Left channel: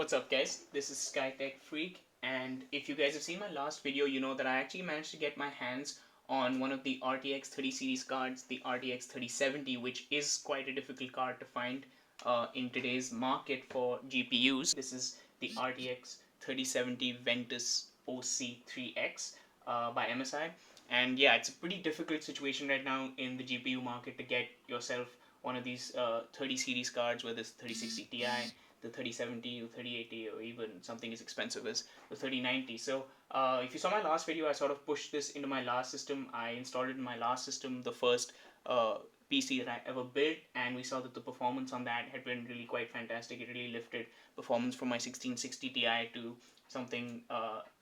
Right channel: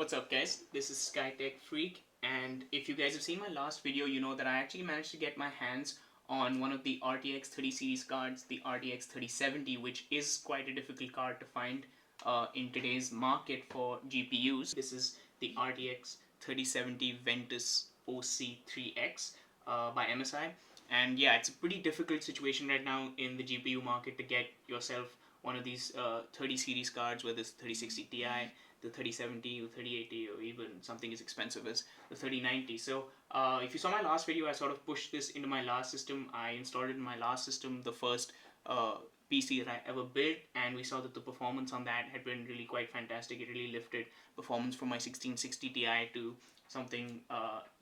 What's up guys, this is SkyTech Freak, and if you guys have seen my last video, you know that I actually managed to get my hands on one of the RTX 30 series cards, the RTX 3070, which is quite a difficult card to find in today's market for GPUs. This is the RTX 3070 Ventus OC3X by MSI, and yeah, it's a pretty difficult situation right now in the GPU market to get yourself one of these 30 series cards, whether it's 3060 Ti, the 3070 or 3080, or even something as expensive as the 3090. So if you saw my last video, I sort of pushed this into my last system. I installed it in my last system, the first PC that I ever built, and we saw that the performance on that had been really quite fantastic. It really lifted performance from my 1660 Ti to something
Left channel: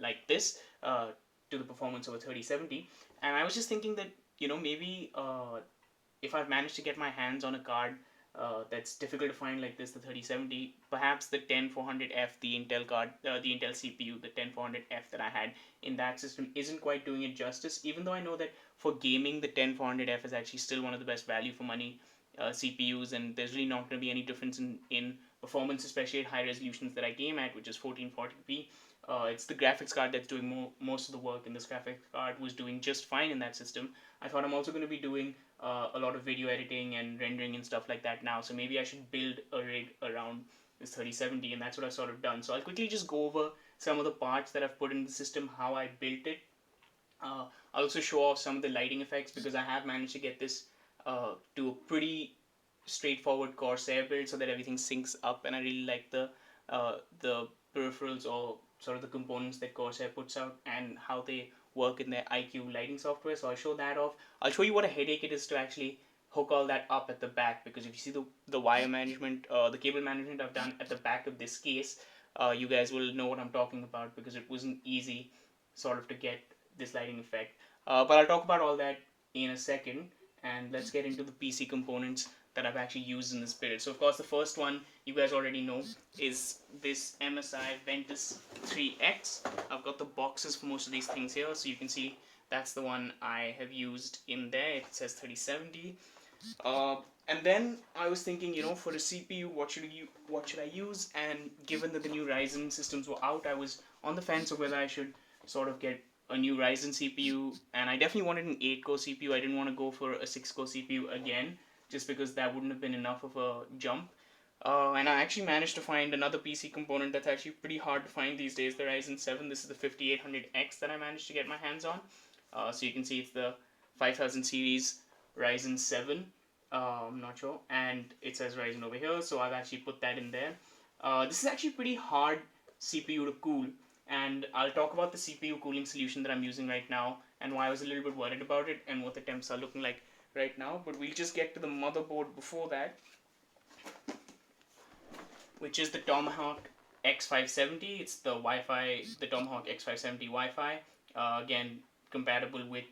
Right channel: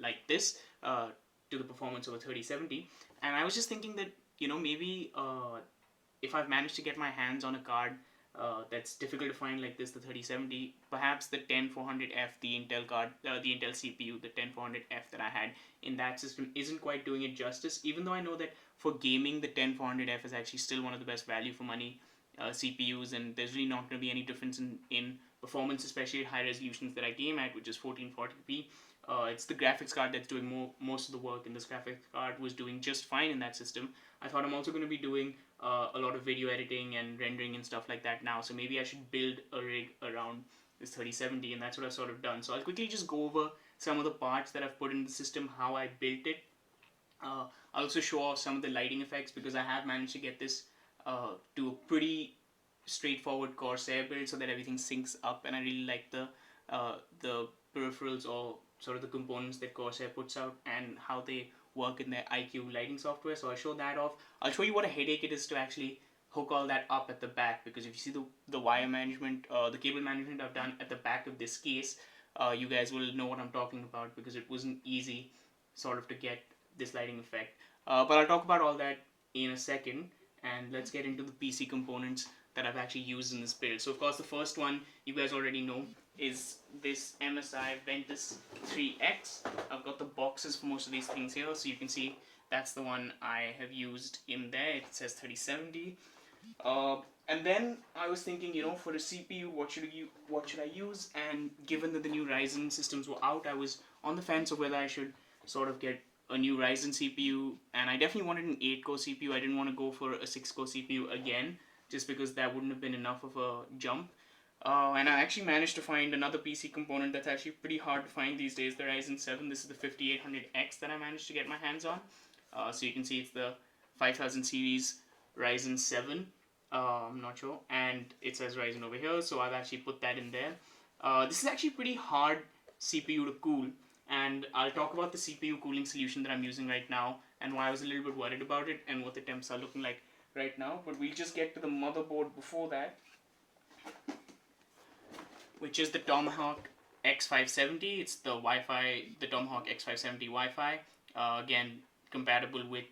like this, to the performance of a 3070. And I was just thinking that, maybe if I've managed to get my hands on a card that's difficult to find like this, the 3070, perhaps the 10400F, the Intel card, the Intel CPU, the 10400F that I had in that system isn't quite doing it justice, even though I know that for gaming, the 10400F is actually still one of the best value for money CPUs, and there's really not going to be any difference in performance, especially at high resolutions that I game at, which is 1440p. It's the graphics card that's doing most of the work, and this graphics card was doing just fine in that system. I thought I'm also going to be doing a lot of video editing and rendering and stuff like that now, so maybe I should build a rig around this 3070, and that's what I've sort of done. So I'll quickly just go over some of the parts that I've put in the system, how I built it. I'll also show off some of the lighting effects, because I have managed to get this to a pretty straightforward Corsair build so that everything syncs up, and I really like the peripherals, or sort of the components that Corsair puts out and how they work in their IQ lighting software. So I'll show that off. I'll show you what a headache it is to actually hook all that up at the back, because if you see the wire management, the cable management I've done at the back of this case, you guys will know what I'm talking about, because it wasn't easy sort of to get this lighting effect. But I'll talk about all that in a second, and let's get into the PC components that I've actually used in this build. So of course the first one you guys already know is this MSI Ventus 3X. I've got the boxes for most of these things here, so you can see that's the one I have used in there. It says 3070. And then I was thinking, for a CPU, what should I use? And given that the new Ryzen systems were out, I was on the fence of whether I should sort of get a new Ryzen CPU, and I definitely wanted an 8-core CPU. I didn't want to go for a 6-core CPU again, just because that wouldn't have been enough of a jump. And I actually managed to find another PC component that's actually pretty hard to find these days, the Ryzen 7. This is the 5800X that I managed to get my hands on. So you can see it's the 5000 series Ryzen 7. I'm not sure, and it says Ryzen over here, so I've actually put that in there. This is actually pretty hard CPU to cool, and I'll talk about the CPU cooling solution that I'm using right now, and why I was a little bit worried about it, and what the temps are looking like right now. But we'll just get to the motherboard before that, which is the Tomahawk X570. It's the Tomahawk X570 Wi-Fi. Again, compatible with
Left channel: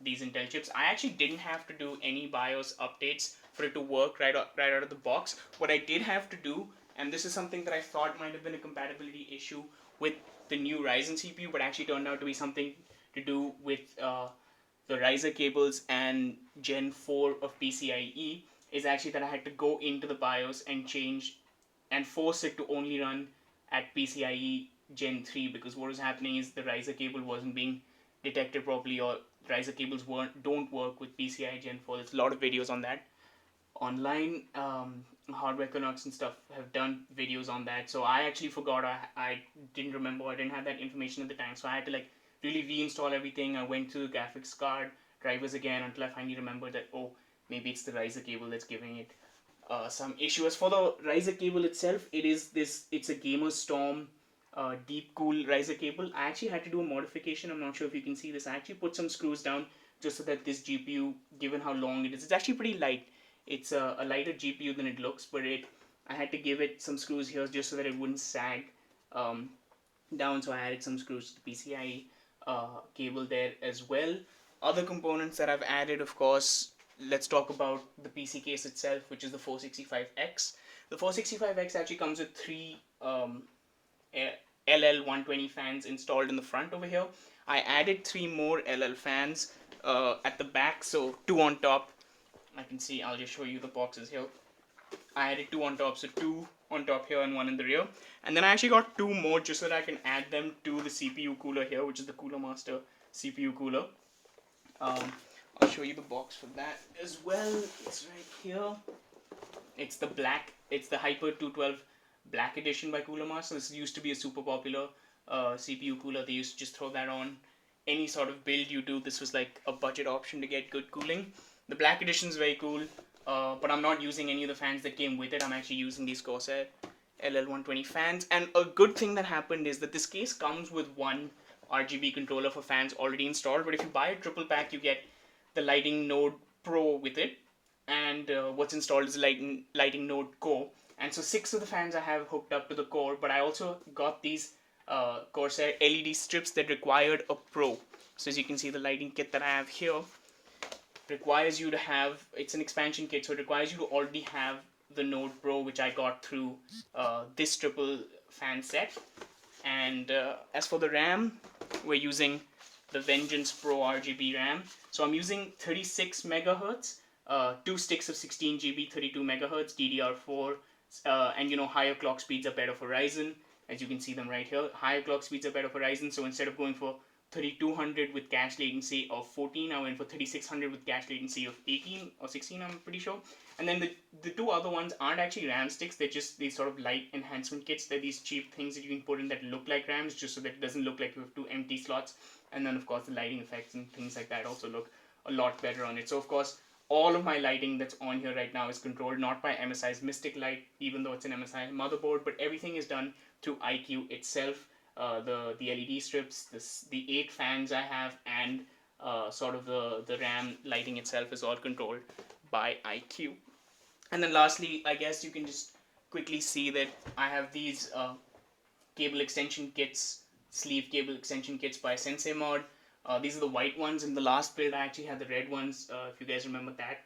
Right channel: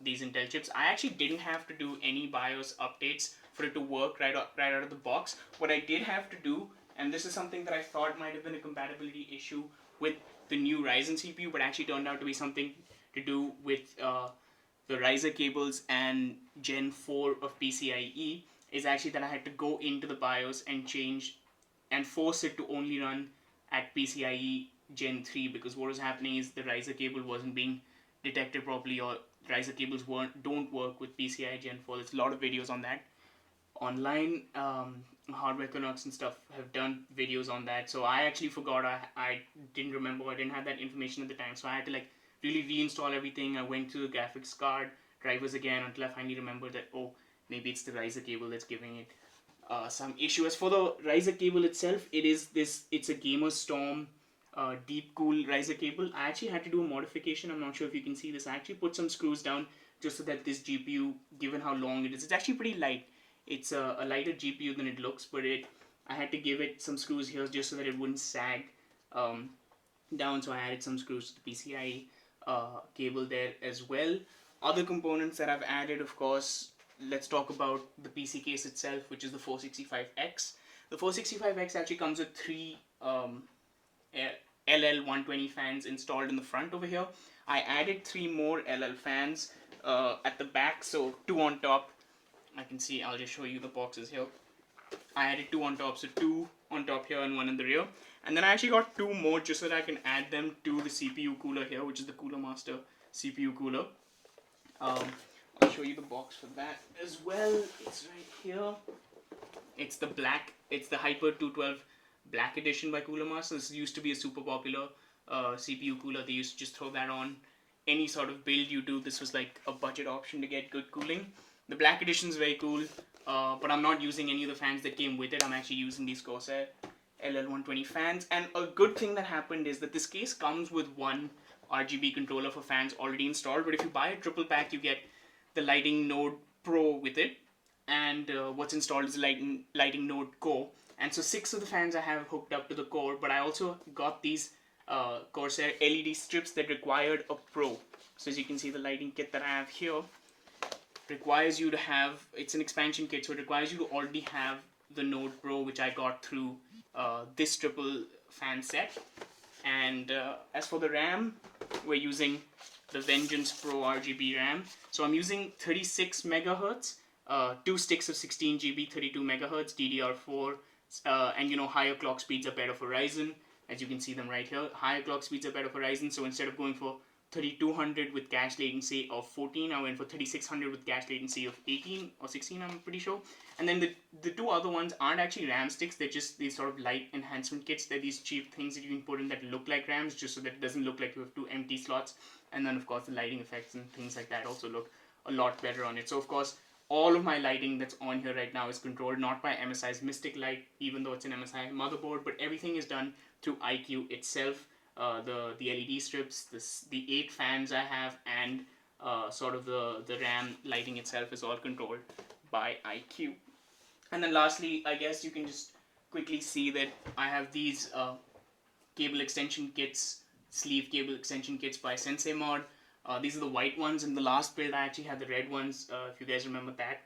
these Intel chips. I actually didn't have to do any BIOS updates for it to work right out of the box. What I did have to do, and this is something that I thought might have been a compatibility issue with the new Ryzen CPU, but actually turned out to be something to do with the riser cables and Gen 4 of PCIe, is actually that I had to go into the BIOS and change and force it to only run at PCIe Gen 3, because what was happening is the riser cable wasn't being detected properly, or riser cables don't work with PCIe Gen 4. There's a lot of videos on that online. Hardware Canucks and stuff have done videos on that, so I actually forgot. I didn't remember, I didn't have that information at the time, so I had to really reinstall everything. I went through the graphics card drivers again until I finally remembered that, oh, maybe it's the riser cable that's giving it some issue. As for the riser cable itself, it's a Gamer Storm deep cool riser cable. I actually had to do a modification. I'm not sure if you can see this. I actually put some screws down just so that this GPU, given how long it is, it's actually pretty light. It's a lighter GPU than it looks, but I had to give it some screws here just so that it wouldn't sag down. So I added some screws to the PCIe cable there as well. Other components that I've added, of course, let's talk about the PC case itself, which is the 465X. The 465X actually comes with three LL120 fans installed in the front over here. I added 3 more LL fans at the back, so 2 on top. I can see, I'll just show you the boxes here. I added two on top, so two on top here and one in the rear. And then I actually got two more just so that I can add them to the CPU cooler here, which is the Cooler Master CPU cooler. I'll show you the box for that as well. It's right here. It's the Hyper 212 Black Edition by Cooler Master. This used to be a super popular CPU cooler. They used to just throw that on any sort of build you do. This was like a budget option to get good cooling. The Black Edition is very cool, but I'm not using any of the fans that came with it. I'm actually using these Corsair LL120 fans. And a good thing that happened is that this case comes with one RGB controller for fans already installed, but if you buy a triple pack, you get the Lighting Node Pro with it, and what's installed is Lighting Node Core. And so 6 of the fans I have hooked up to the core, but I also got these Corsair LED strips that required a Pro. So as you can see, the lighting kit that I have here requires you to have, it's an expansion kit, so it requires you to already have the Node Pro, which I got through this triple fan set. And as for the RAM, we're using the Vengeance Pro RGB RAM. So I'm using 36 megahertz, 2 sticks of 16 GB, 32 megahertz, DDR4, and higher clock speeds are better for Ryzen. As you can see them right here, higher clock speeds are better for Ryzen. So instead of going for 3200 with cache latency of 14, I went for 3600 with cache latency of 18 or 16, I'm pretty sure. And then the two other ones aren't actually RAM sticks, they're just these sort of light enhancement kits. They're these cheap things that you can put in that look like RAMs, just so that it doesn't look like you have two empty slots. And then of course the lighting effects and things like that also look a lot better on it. So of course all of my lighting that's on here right now is controlled not by MSI's Mystic Light, even though it's an MSI motherboard, but everything is done through iCUE itself. The LED strips, the 8 fans I have, and sort of the RAM lighting itself is all controlled by iCUE. And then lastly, I guess you can just quickly see that I have these cable extension kits, sleeve cable extension kits by Sensei Mod. These are the white ones. In the last build, I actually had the red ones, if you guys remember that,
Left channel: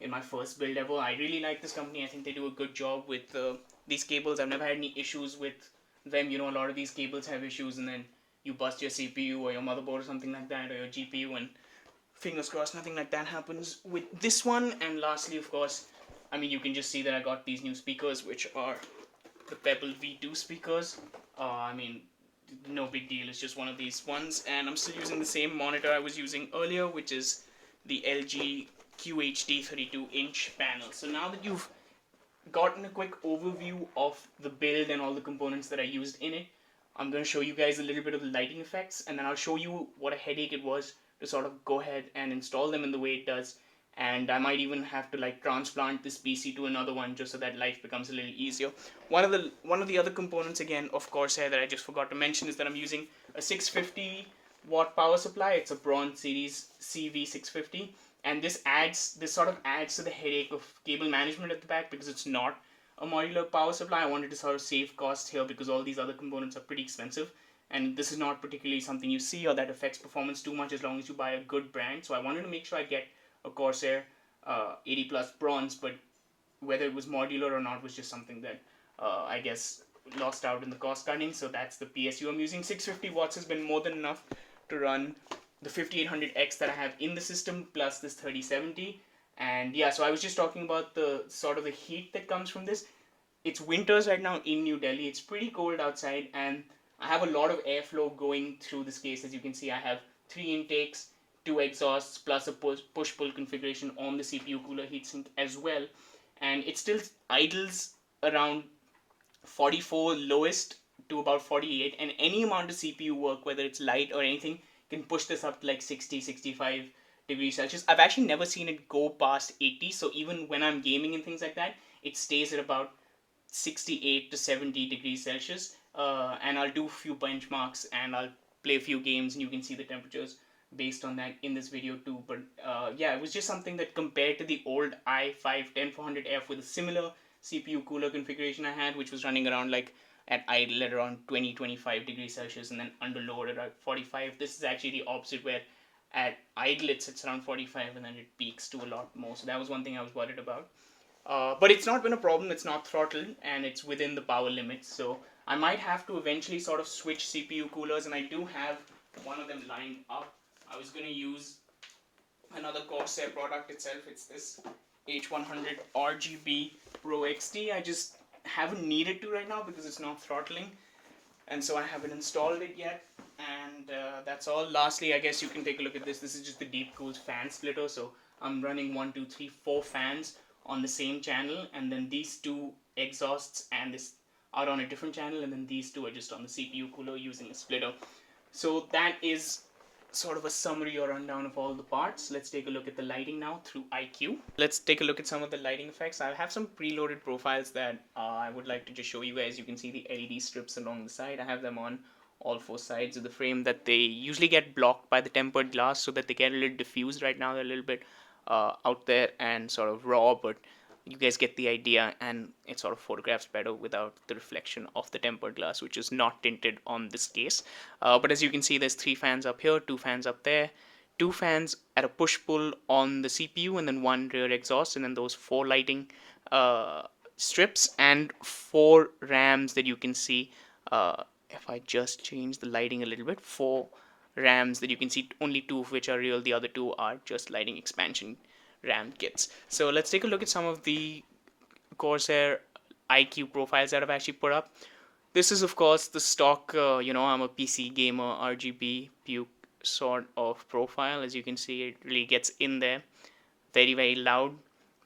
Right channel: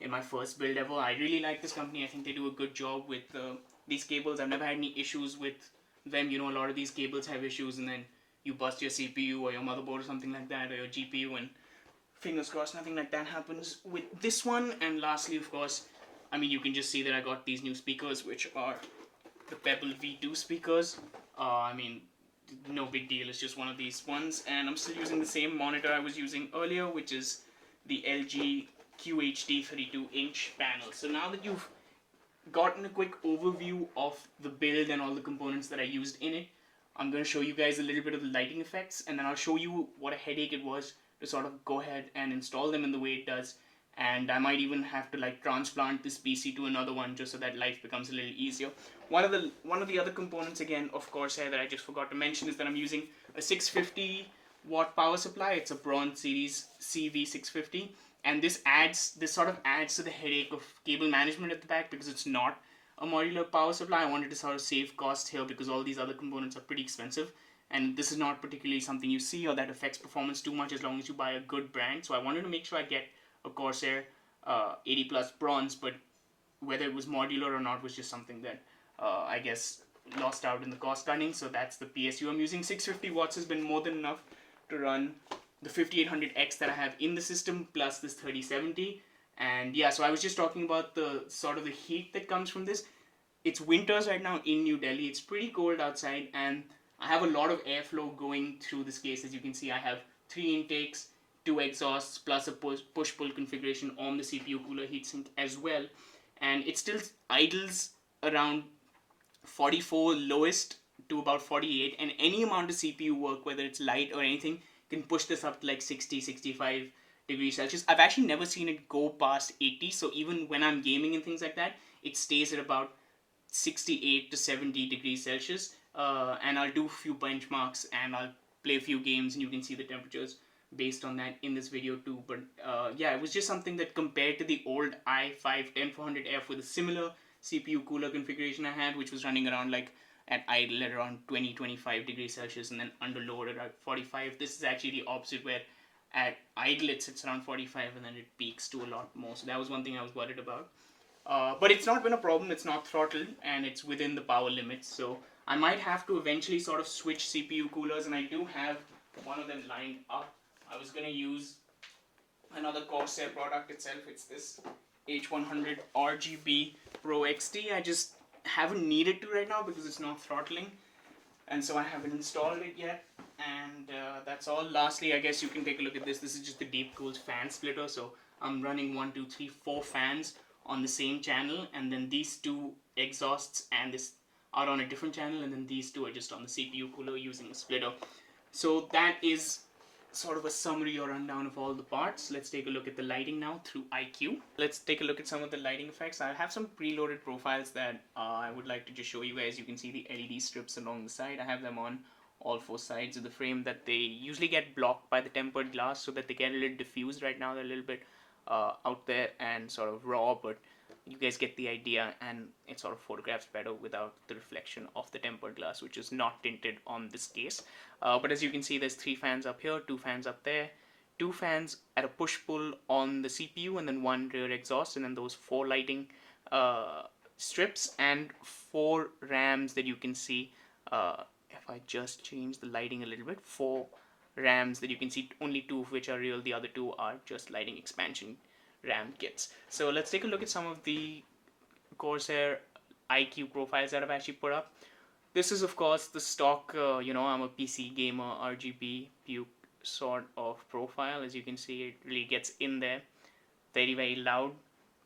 in my first build ever. I really like this company. I think they do a good job with these cables. I've never had any issues with them. A lot of these cables have issues, and then you bust your CPU or your motherboard or something like that, or your GPU, and fingers crossed nothing like that happens with this one. And lastly, of course, you can just see that I got these new speakers, which are the Pebble V2 speakers. No big deal, it's just one of these ones, and I'm still using the same monitor I was using earlier, which is the LG QHD 32-inch panel. So now that you've gotten a quick overview of the build and all the components that I used in it, I'm going to show you guys a little bit of the lighting effects, and then I'll show you what a headache it was to sort of go ahead and install them in the way it does. And I might even have to transplant this PC to another one just so that life becomes a little easier. One of the other components again of Corsair that I just forgot to mention is that I'm using a 650 watt power supply. It's a Bronze Series CV650, and this sort of adds to the headache of cable management at the back because it's not a modular power supply. I wanted to sort of save costs here because all these other components are pretty expensive, and this is not particularly something you see or that affects performance too much as long as you buy a good brand. So I wanted to make sure I get a Corsair 80 plus bronze, but whether it was modular or not was just something that I guess lost out in the cost cutting. So that's the PSU I'm using. 650 watts has been more than enough to run the 5800X that I have in the system plus this 3070. And yeah, so I was just talking about the sort of the heat that comes from this. It's winters right now in New Delhi. It's pretty cold outside, and I have a lot of airflow going through this case. As you can see, I have 3 intakes, 2 exhausts, plus a push-pull configuration on the CPU cooler heatsink as well. And it still idles around 44 lowest to about 48, and any amount of CPU work, whether it's light or anything, can push this up to 60, 65 degrees Celsius. I've actually never seen it go past 80, so even when I'm gaming and things like that, it stays at about 68 to 70 degrees Celsius. And I'll do a few benchmarks and I'll play a few games, and you can see the temperatures based on that in this video too. But yeah, it was just something that compared to the old i5-10400F with a similar CPU cooler configuration I had, which was running around at idle at around 20-25 degrees Celsius and then under load at 45. This is actually the opposite, where at idle it sits around 45 and then it peaks to a lot more. So that was one thing I was worried about. But it's not been a problem. It's not throttled and it's within the power limits. So I might have to eventually sort of switch CPU coolers, and I do have one of them lined up. I was going to use another Corsair product itself. It's this H100 RGB Pro XT. I just haven't needed to right now because it's not throttling, and so I haven't installed it yet. And that's all. Lastly, I guess you can take a look at this. This is just the deep cooled fan splitter. So I'm running 1, 2, 3, 4 fans on the same channel, and then these two exhausts and this are on a different channel, and then these two are just on the CPU cooler using a splitter. So that is sort of a summary or rundown of all the parts. Let's take a look at the lighting now through IQ. Let's take a look at some of the lighting effects. I have some preloaded profiles that I would like to just show you guys. You can see the LED strips along the side. I have them on all 4 sides of the frame that they usually get blocked by the tempered glass so that they get a little diffused. Right now they're a little bit out there and sort of raw, but you guys get the idea, and it sort of photographs better without the reflection of the tempered glass, which is not tinted on this case. But as you can see, there's 3 fans up here, 2 fans up there, 2 fans at a push-pull on the CPU, and then 1 rear exhaust, and then those 4 lighting strips, and 4 RAMs that you can see. If I just change the lighting a little bit, 4 RAMs that you can see, only 2 of which are real, the other 2 are just lighting expansion RAM kits. So let's take a look at some of the Corsair IQ profiles that I've actually put up. This is of course the stock, I'm a PC gamer RGB puke sort of profile. As you can see, it really gets in there. Very, very loud.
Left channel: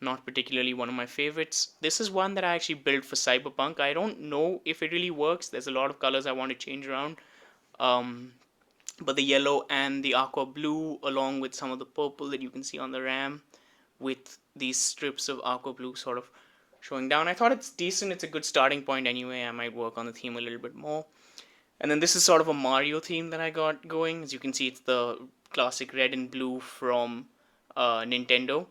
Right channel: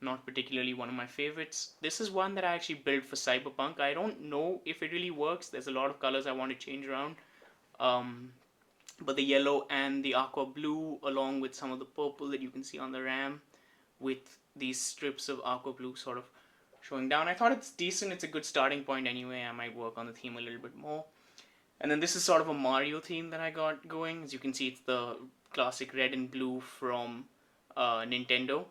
Not particularly one of my favorites. This is one that I actually built for Cyberpunk. I don't know if it really works. There's a lot of colors I want to change around. But the yellow and the aqua blue, along with some of the purple that you can see on the RAM, with these strips of aqua blue sort of showing down. I thought it's decent. It's a good starting point anyway. I might work on the theme a little bit more. And then this is sort of a Mario theme that I got going. As you can see, it's the classic red and blue from Nintendo.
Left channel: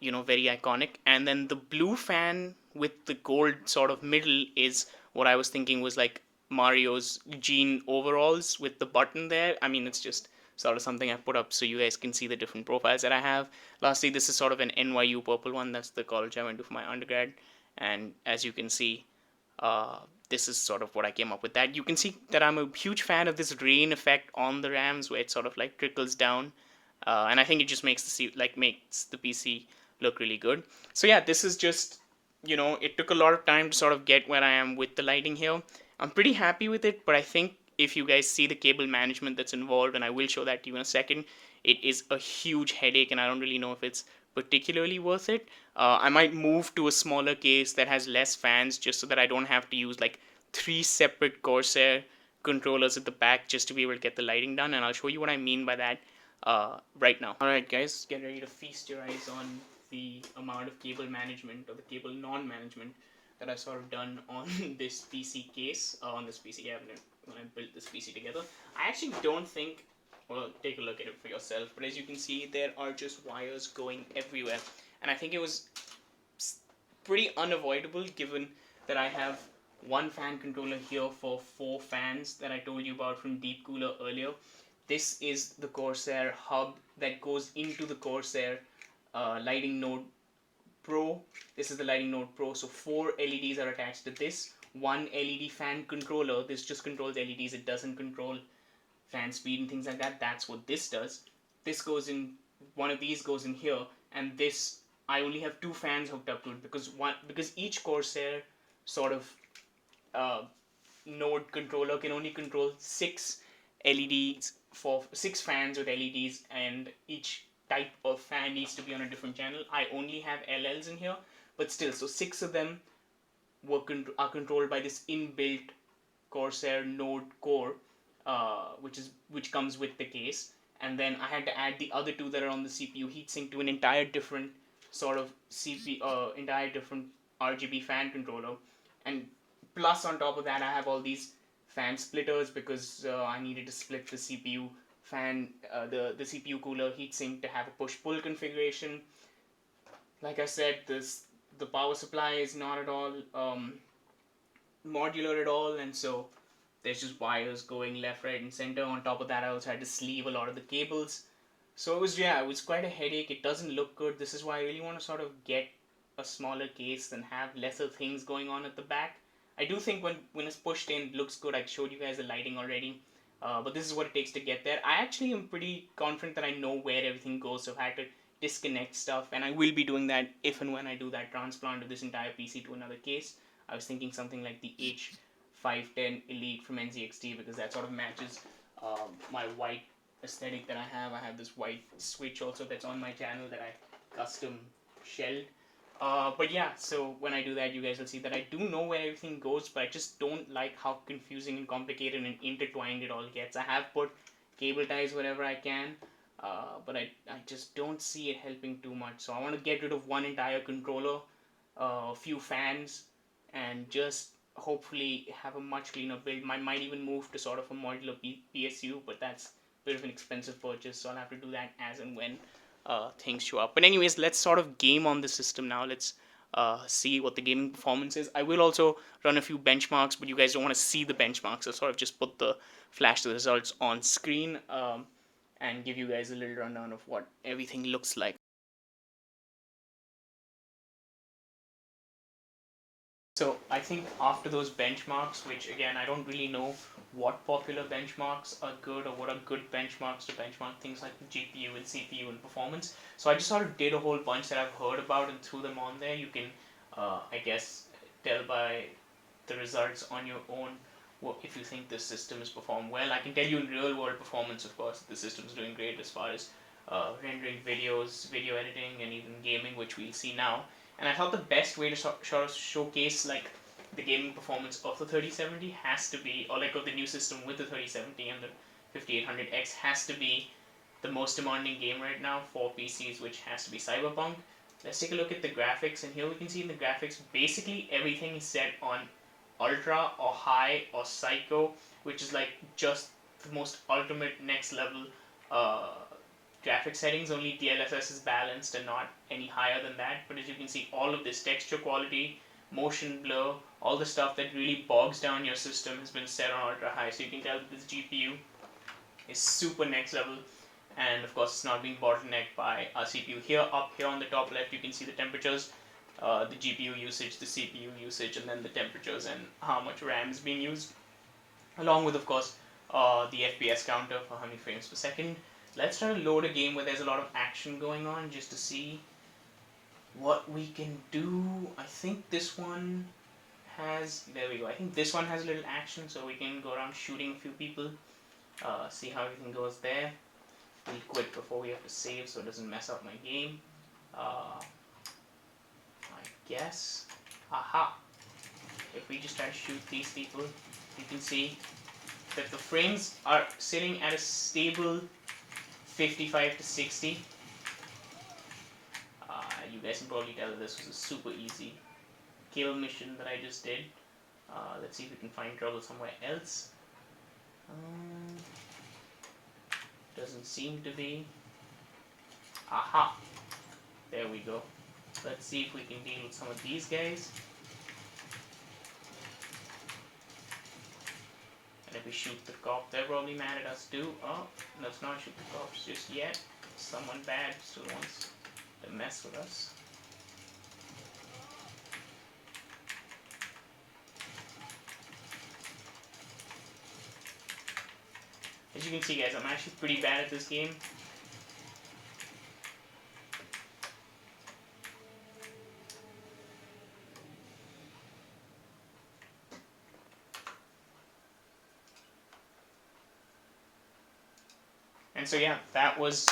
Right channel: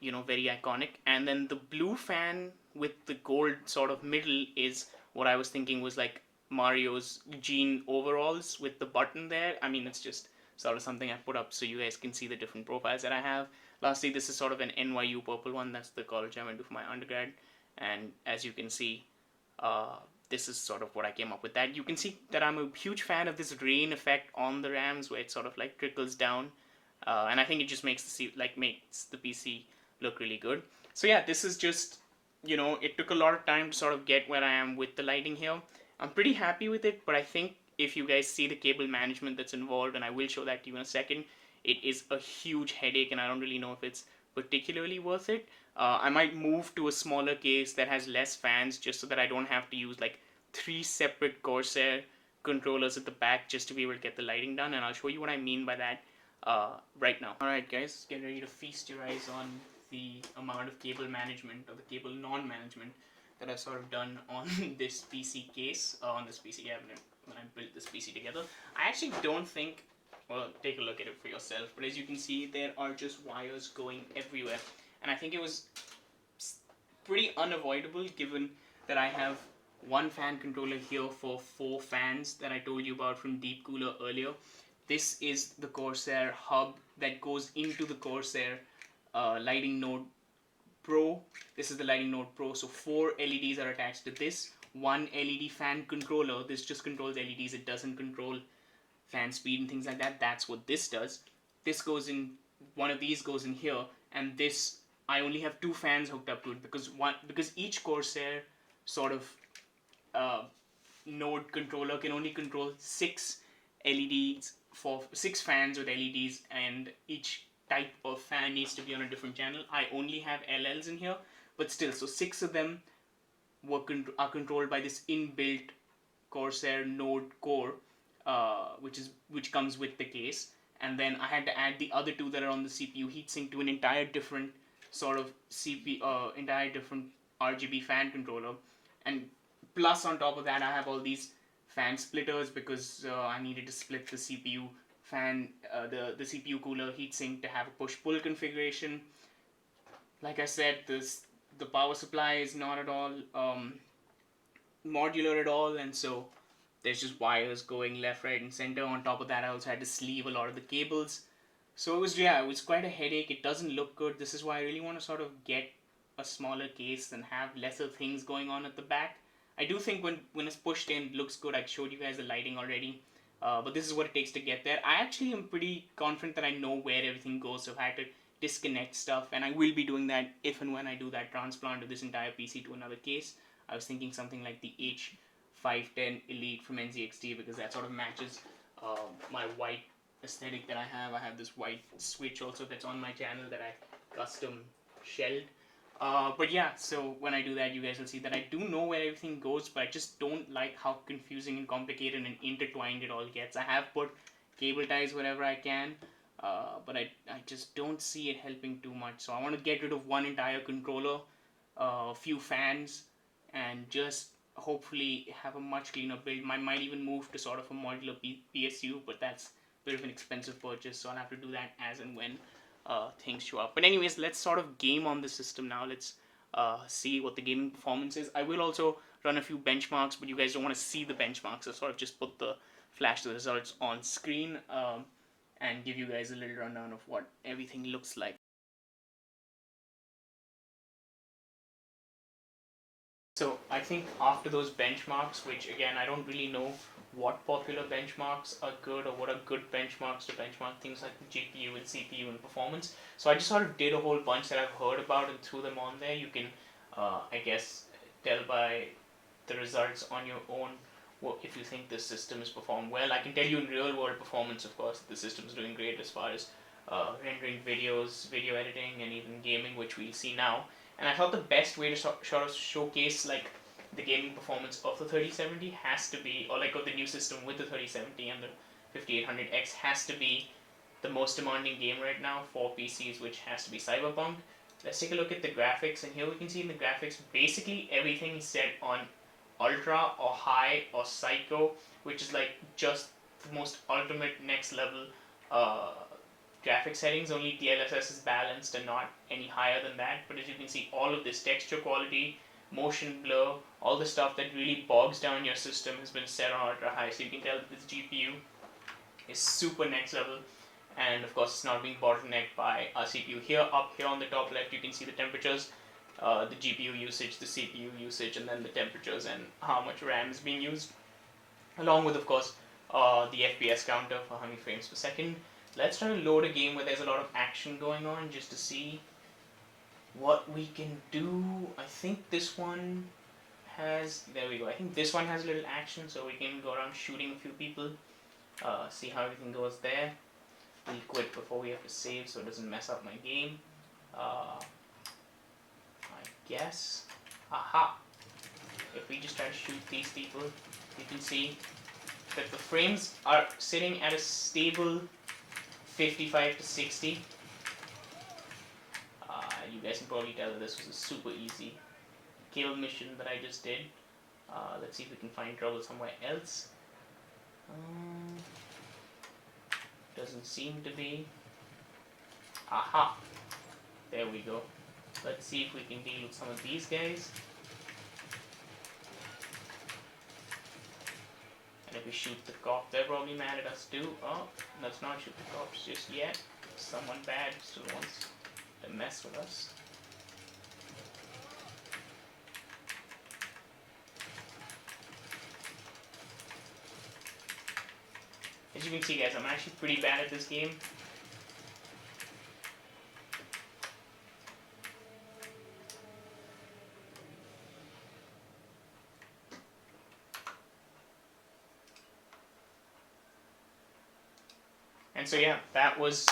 Very iconic. And then the blue fan with the gold sort of middle is what I was thinking was like Mario's jean overalls with the button there. I mean, it's just sort of something I put up so you guys can see the different profiles that I have. Lastly, this is sort of an NYU purple one. That's the college I went to for my undergrad. And as you can see, this is sort of what I came up with. That you can see that I'm a huge fan of this rain effect on the RAMs where it sort of like trickles down. And I think it just makes the PC look really good. So yeah, this is just, it took a lot of time to sort of get where I am with the lighting here. I'm pretty happy with it, but I think if you guys see the cable management that's involved, and I will show that to you in a second, it is a huge headache, and I don't really know if it's particularly worth it. I might move to a smaller case that has less fans just so that I don't have to use like 3 separate Corsair controllers at the back just to be able to get the lighting done, and I'll show you what I mean by that right now. Alright guys, get ready to feast your eyes on the amount of cable management or the cable non-management that I've sort of done on this PC case, on this PC cabinet when I built this PC together. I actually don't think, well, take a look at it for yourself, but as you can see, there are just wires going everywhere, and I think it was pretty unavoidable given that I have 1 fan controller here for 4 fans that I told you about from Deep Cooler earlier. This is the Corsair hub that goes into the Corsair lighting node Pro. This is the lighting node Pro, so 4 LEDs are attached to this. 1 LED fan controller. This just controls LEDs. It doesn't control fan speed and things like that. That's what this does. This goes in, one of these goes in here, and this, I only have 2 fans hooked up to it because each Corsair sort of node controller can only control 6 LEDs for 6 fans with LEDs, and each type of fan needs to be on a different channel. I only have LLs in here, but still, so 6 of them are controlled by this inbuilt Corsair node core, which comes with the case. And then I had to add the other 2 that are on the CPU heatsink to an entire different sort of entire different RGB fan controller. And plus on top of that, I have all these fan splitters because I needed to split the CPU fan, the CPU cooler heatsink to have a push-pull configuration. Like I said, the power supply is not at all modular at all, and so there's just wires going left, right, and center. On top of that, I also had to sleeve a lot of the cables. So it was quite a headache. It doesn't look good. This is why I really want to sort of get a smaller case and have lesser things going on at the back. I do think when it's pushed in, it looks good. I showed you guys the lighting already. But this is what it takes to get there. I actually am pretty confident that I know where everything goes, so I've had to disconnect stuff, and I will be doing that if and when I do that transplant of this entire PC to another case. I was thinking something like the H510 Elite from NZXT, because that sort of matches my white aesthetic that I have. I have this white switch also that's on my channel that I custom shelled. But yeah, so when I do that, you guys will see that I do know where everything goes, but I just don't like how confusing and complicated and intertwined it all gets. I have put cable ties wherever I can, but I just don't see it helping too much. So I want to get rid of one entire controller, a few fans, and just hopefully have a much cleaner build. I might even move to sort of a modular PSU, but that's a bit of an expensive purchase, so I'll have to do that as and when things show up. But anyways, let's sort of game on the system now. Let's see what the gaming performance is. I will also run a few benchmarks, but you guys don't want to see the benchmarks, so sort of just put the flash the results on screen and give you guys a little rundown of what everything looks like. So I think after those benchmarks, which again I don't really know what popular benchmarks are good or what are good benchmarks to benchmark things like the GPU and CPU and performance. So I just sort of did a whole bunch that I've heard about and threw them on there. You can, I guess, tell by the results on your own if you think this system is performed well. I can tell you in real world performance, of course, the system is doing great as far as rendering videos, video editing, and even gaming, which we'll see now. And I thought the best way to sort of showcase like the gaming performance of the 3070 has to be, or like of the new system with the 3070 and the 5800X, has to be the most demanding game right now for PCs, which has to be Cyberpunk. Let's take a look at the graphics, and here we can see in the graphics basically everything is set on ultra or high or psycho, which is like just the most ultimate next level uh, graphic settings. Only DLSS is balanced and not any higher than that. But as you can see, all of this texture quality, motion blur, all the stuff that really bogs down your system has been set on ultra high. So you can tell this GPU is super next level, and of course it's not being bottlenecked by our CPU. Here, up here on the top left, you can see the temperatures, the GPU usage, the CPU usage, and then the temperatures and how much RAM is being used, along with, of course, the FPS counter for how many frames per second. Let's try to load a game where there's a lot of action going on just to see what we can do. I think this one has, there we go, I think this one has a little action, so we can go around shooting a few people, see how everything goes there. We'll quit before we have to save so it doesn't mess up my game. I guess. Aha! If we just try to shoot these people, you can see that the frames are sitting at a stable 55 to 60. You guys can probably tell that this was a super easy kill mission that I just did. Let's see if we can find trouble somewhere else. Doesn't seem to be. Aha! There we go. Let's see if we can deal with some of these guys. And if we shoot the cop, they're probably mad at us too. Oh, let's not shoot the cops just yet. Someone bad still wants to mess with us. As you can see, guys, I'm actually pretty bad at this game. And so yeah, that was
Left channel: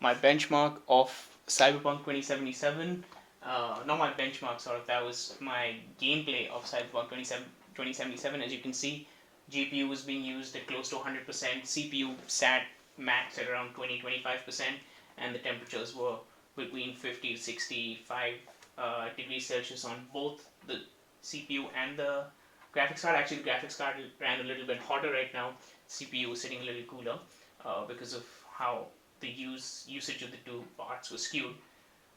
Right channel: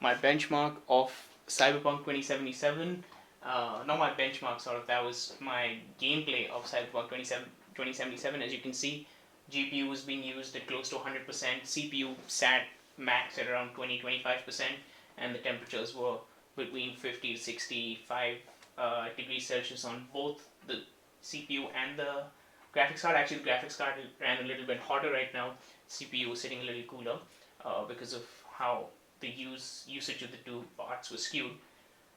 my benchmark of Cyberpunk 2077. Not my benchmark, sort of, that was my gameplay of Cyberpunk 2077. As you can see, GPU was being used at close to 100%, CPU sat max at around 20-25%, and the temperatures were between 50 to 65 degrees Celsius on both the CPU and the graphics card. Actually, the graphics card ran a little bit hotter right now. CPU was sitting a little cooler because of how the usage of the two parts was skewed.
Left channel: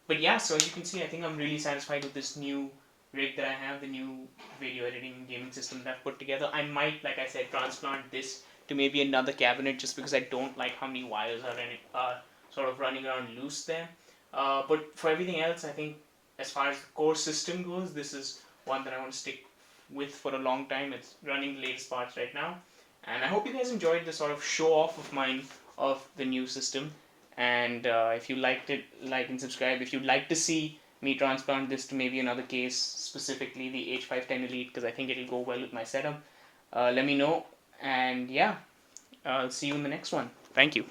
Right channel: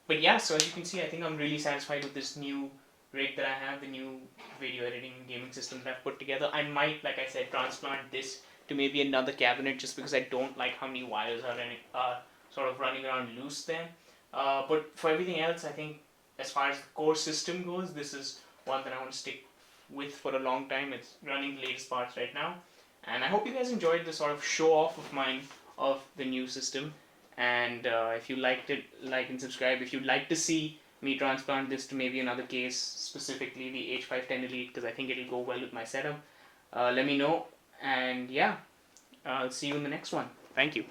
But yeah, so as you can see, I think I'm really satisfied with this new rig that I have, the new video editing and gaming system that I've put together. I might, like I said, transplant this to maybe another cabinet just because I don't like how many wires are sort of running around loose there. But for everything else, I think as far as the core system goes, this is one that I want to stick with for a long time. It's running the latest parts right now. And I hope you guys enjoyed the sort of show off of mine of the new system. And if you liked it, like and subscribe. If you'd like to see me transplant this to maybe another case, specifically the H510 Elite, because I think it'll go well with my setup, let me know. And yeah, I'll see you in the next one. Thank you.